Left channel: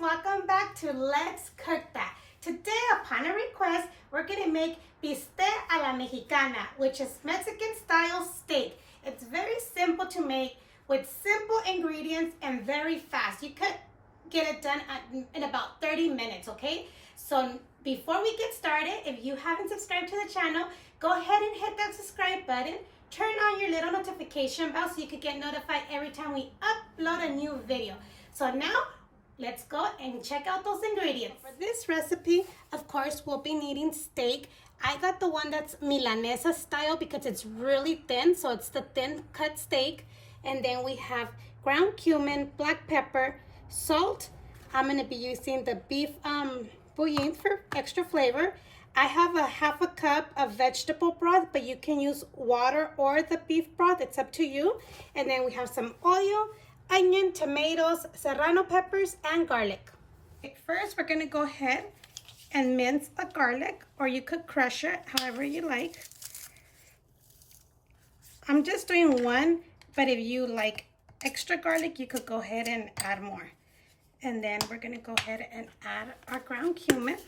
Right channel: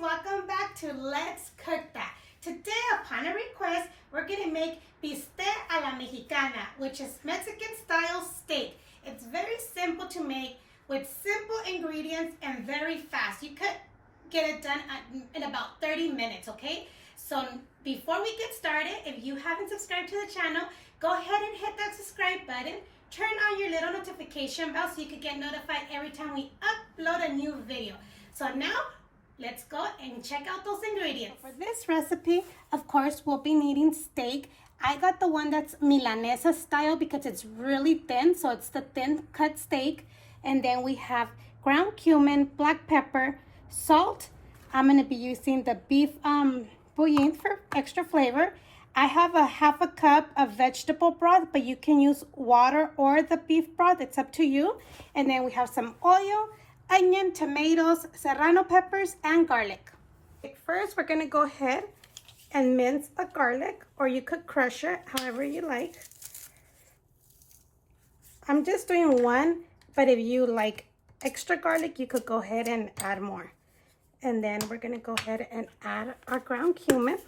welcome back to Let's Cook That. Today, upon a request, we're going to make bistec a la Mexicana, which is Mexican style steak. It's very simple to make with simple ingredients and very fast. You could get it done in about 30 minutes, okay? So before we get started, if you haven't subscribed to the channel, go ahead and hit that subscribe button. Turn on your little notification bell so you can get notified every time we upload a new video. So now, let's go and check out those ingredients. For this recipe, of course, we'll be needing steak. I got the one that's Milanesa style because it's really thin, so it's the thin cut steak. And then we have ground cumin, black pepper, salt. I'm going to be using the beef bouillon for extra flavor. I have a half a cup of vegetable broth, but you can use water or the beef broth. It's up to you. And then we have some oil, onion, tomatoes, serrano peppers, and garlic. First, we're going to go ahead and mince the garlic, or you could crush it however you like. I'm just doing one, but if you like extra garlic, you could go ahead and add more. And then we're going to go ahead and add our ground cumin.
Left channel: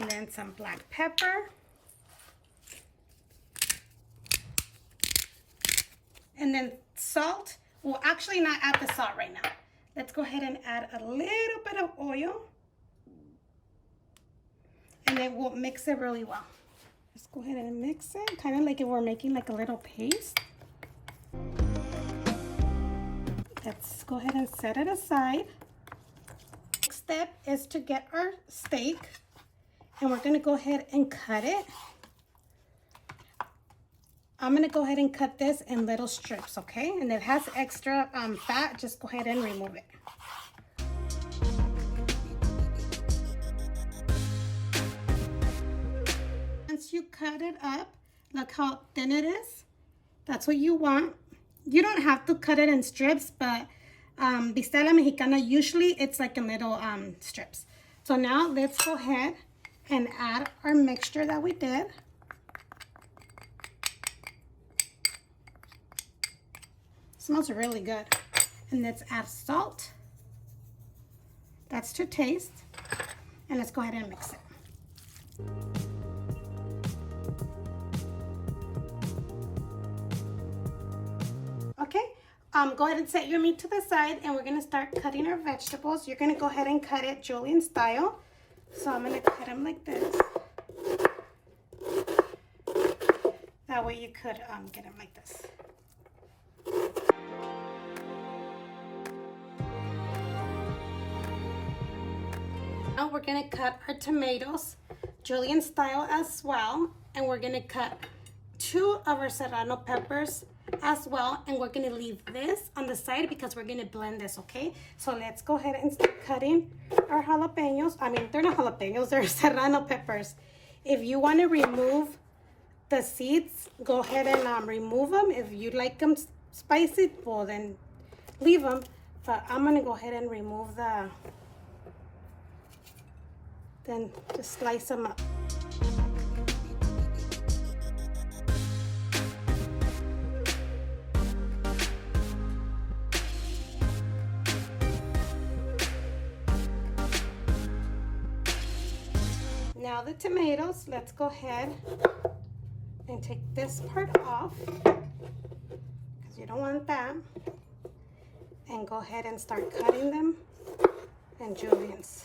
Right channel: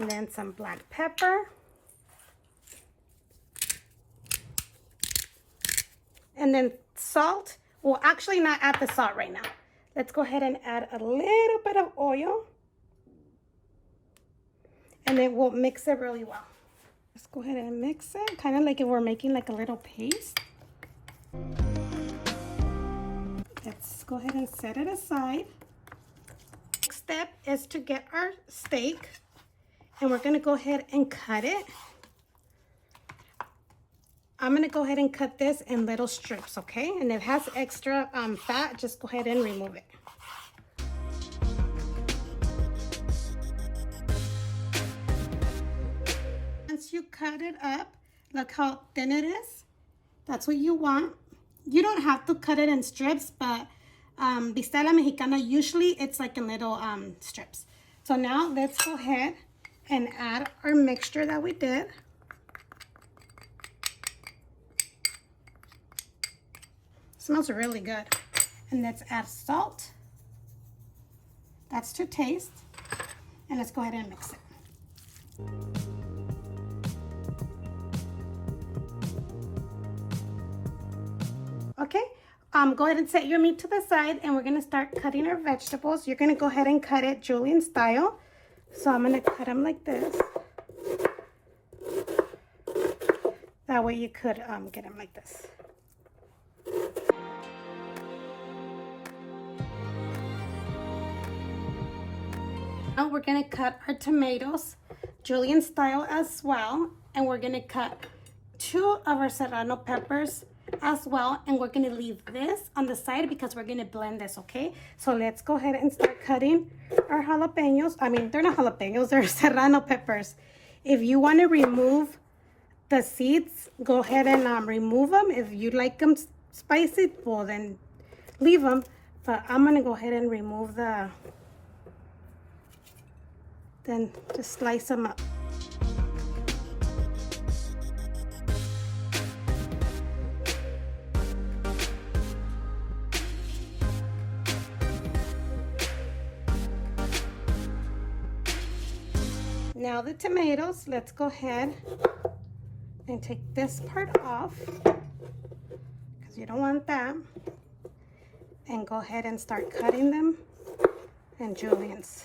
And then some black pepper. And then salt. We'll actually not add the salt right now. Let's go ahead and add a little bit of oil. And then we'll mix it really well. Let's go ahead and mix it, kind of like if we're making like a little paste. Let's go ahead and set it aside. Next step is to get our steak. And we're going to go ahead and cut it. I'm going to go ahead and cut this in little strips, okay? And if it has extra fat, just go ahead and remove it. Once you cut it up, look how thin it is. That's what you want. You don't have to cut it in strips, but bistec a la Mexicana, usually it's like in little strips. So now let's go ahead and add our mixture that we did. Smells really good. And let's add salt. That's to taste. And let's go ahead and mix it. Okay, go ahead and set your meat to the side, and we're gonna start cutting our vegetables. You're gonna go ahead and cut it julienne style. So I'm going to cut them like this. That way you could get them like this. Now we're going to cut our tomatoes julienne style as well. And we're going to cut 2 of our serrano peppers as well, and we're going to leave this on the side because we're going to blend this, okay? So let's go ahead and start cutting our jalapenos. I mean, they're not jalapenos, they're serrano peppers. If you want to remove the seeds, go ahead and remove them. If you like them spicy, well then leave them. But I'm going to go ahead and remove then just slice them up. Now the tomatoes, let's go ahead and take this part off because you don't want that. And go ahead and start cutting them in juliennes.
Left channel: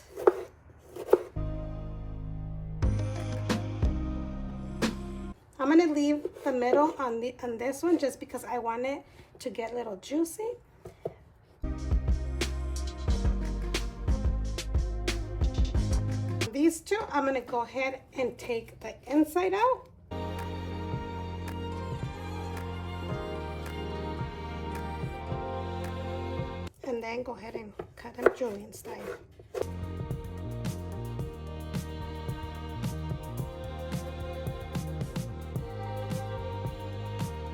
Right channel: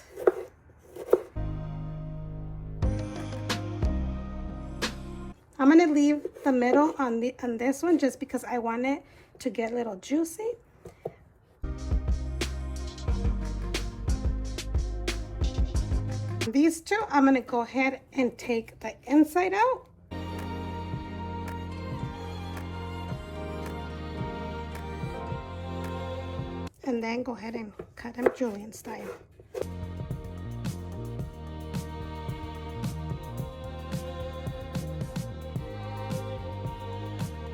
I'm going to leave the middle on this one just because I want it to get a little juicy. These 2, I'm going to go ahead and take the inside out. And then go ahead and cut them julienne style.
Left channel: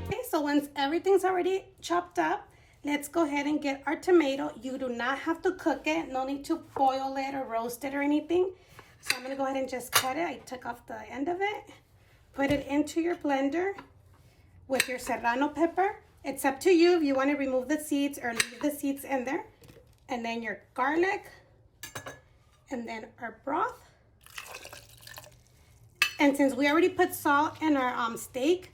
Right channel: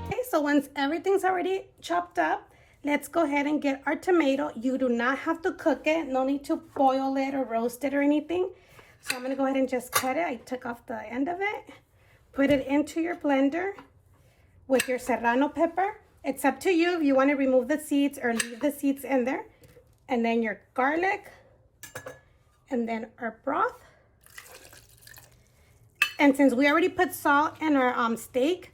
Okay, so once everything's already chopped up, let's go ahead and get our tomato. You do not have to cook it. No need to boil it or roast it or anything. So I'm going to go ahead and just cut it. I took off the end of it. Put it into your blender. with your serrano pepper. It's up to you if you want to remove the seeds or leave the seeds in there. And then your garlic. And then our broth. And since we already put salt in our steak,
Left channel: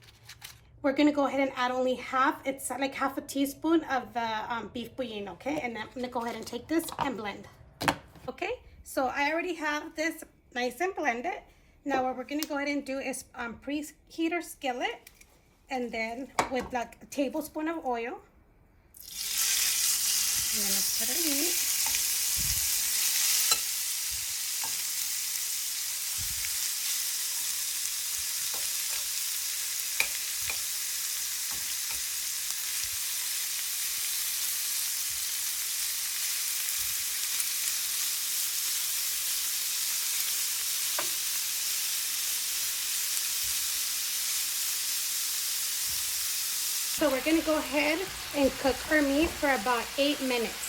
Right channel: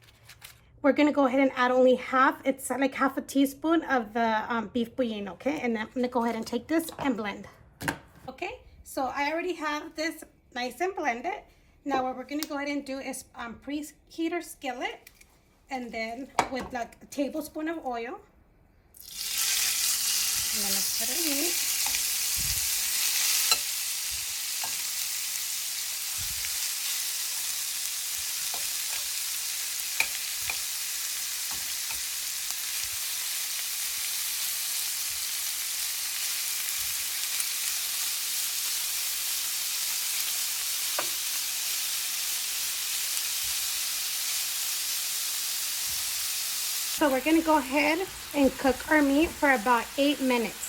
we're going to go ahead and add only half. It's like half a teaspoon of the beef bouillon, okay? And then I'm going to go ahead and take this and blend. Okay, so I already have this nice and blended. Now what we're going to go ahead and do is preheat our skillet. And then with like a tablespoon of oil. And then let's put our meat. So we're going to go ahead and cook our meat for about 8 minutes.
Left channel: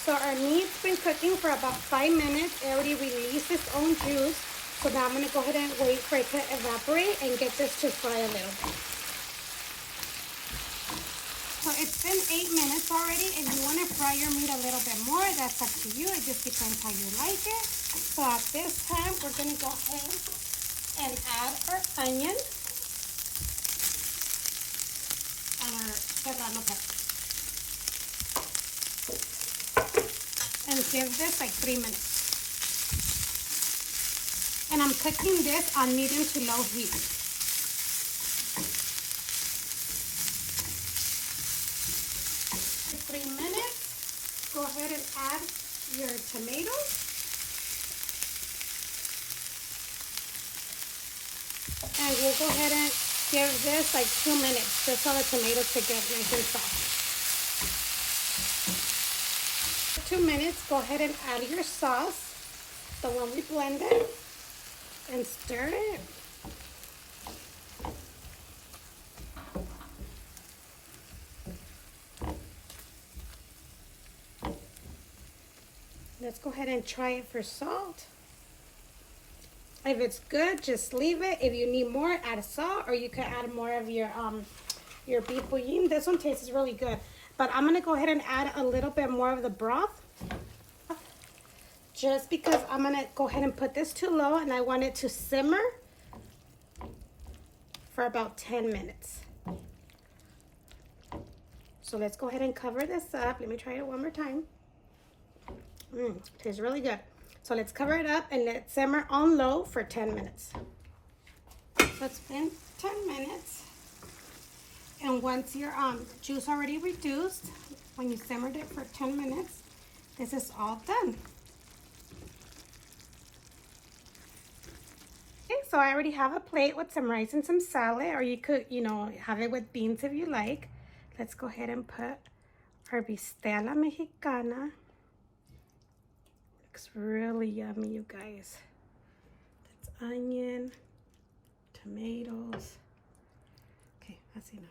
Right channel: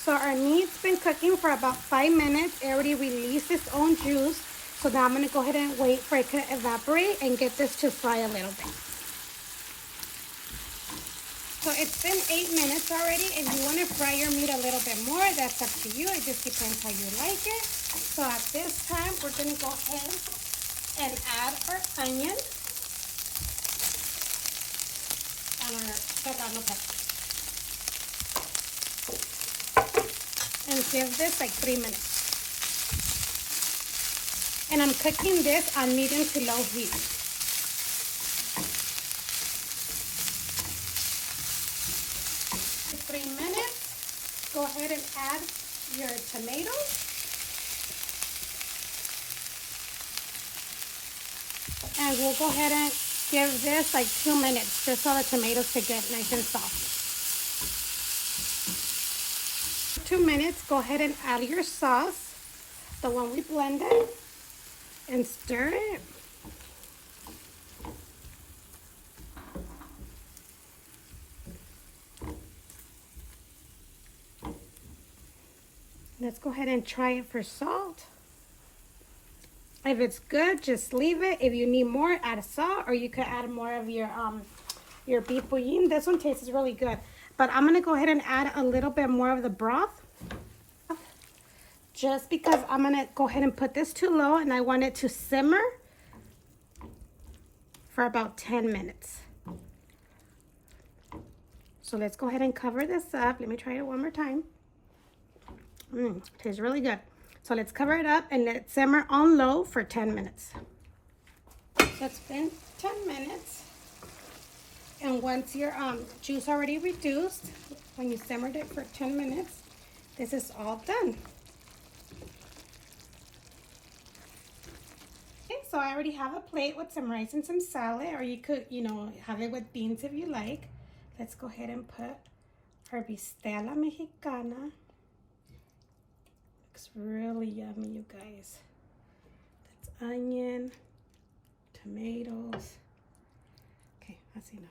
So our meat's been cooking for about 5 minutes. It already released its own juice. So now I'm going to go ahead and wait for it to evaporate and get this to fry a little bit. So it's been 8 minutes already, and you want to fry your meat a little bit more. That's up to you. It just depends how you like it. So at this time, we're going to go ahead and add our onion and our serrano pepper. And give this like 3 minutes. And I'm cooking this on medium to low heat. For 3 minutes, go ahead and add your tomatoes. And we'll go ahead and give this like 2 minutes just so the tomatoes can get nice and soft. 2 minutes, go ahead and add your sauce, the one we blended, and stir it. Let's go ahead and try it for salt. If it's good, just leave it. If you need more, add salt, or you could add more of your beef bouillon. This one tastes really good. But I'm gonna go ahead and add a little bit more of the broth, just because I'm gonna go ahead and put this to low, and I want it to simmer for about 10 minutes. So let's go ahead and cover this up. Let me try it one more time. Tastes really good. So let's cover it up and let it simmer on low for 10 minutes. It's been 10 minutes. And once your juice already reduced, when you simmered it for 10 minutes, this is all done. Okay, so I already have a plate with some rice and some salad, or you could, have it with beans if you like. Let's go ahead and put our bistec a la Mexicana. Looks really yummy, you guys. That's onion, tomatoes. Okay, that's enough.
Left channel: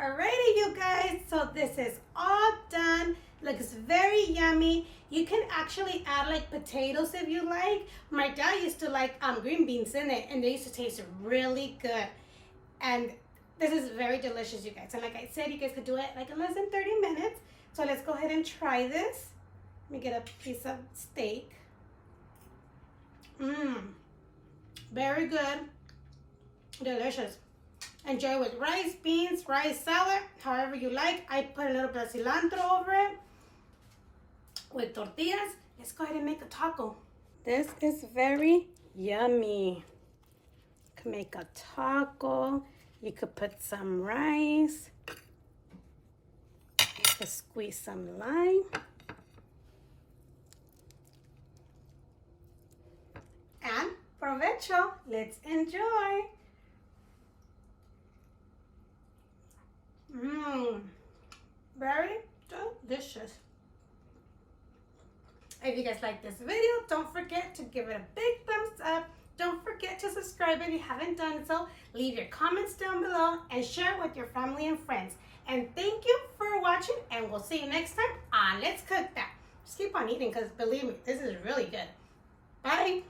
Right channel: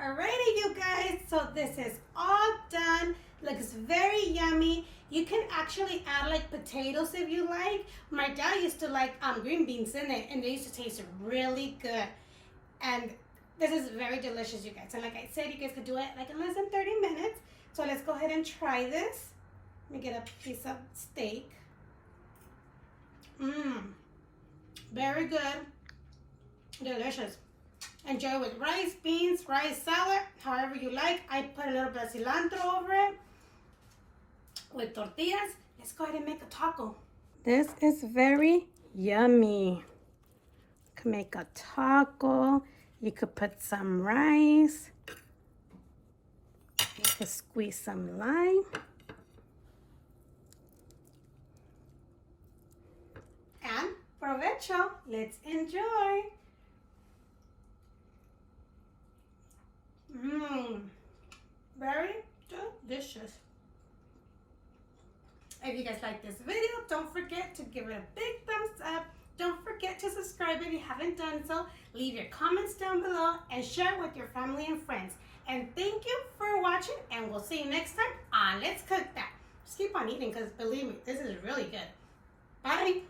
Alrighty, you guys, so this is all done. Looks very yummy. You can actually add like potatoes if you like. My dad used to like green beans in it, and they used to taste really good. And this is very delicious, you guys. And like I said, you guys could do it like in less than 30 minutes. So let's go ahead and try this. Let me get a piece of steak. Very good. Delicious. Enjoy with rice, beans, rice, salad, however you like. I put a little bit of cilantro over it with tortillas. Let's go ahead and make a taco. This is very yummy. You can make a taco. You could put some rice. You could squeeze some lime. And provecho. Let's enjoy. Very delicious. If you guys like this video, don't forget to give it a big thumbs up. Don't forget to subscribe if you haven't done so. Leave your comments down below and share it with your family and friends. And thank you for watching, and we'll see you next time on Let's Cook That. Just keep on eating, because believe me, this is really good. Bye.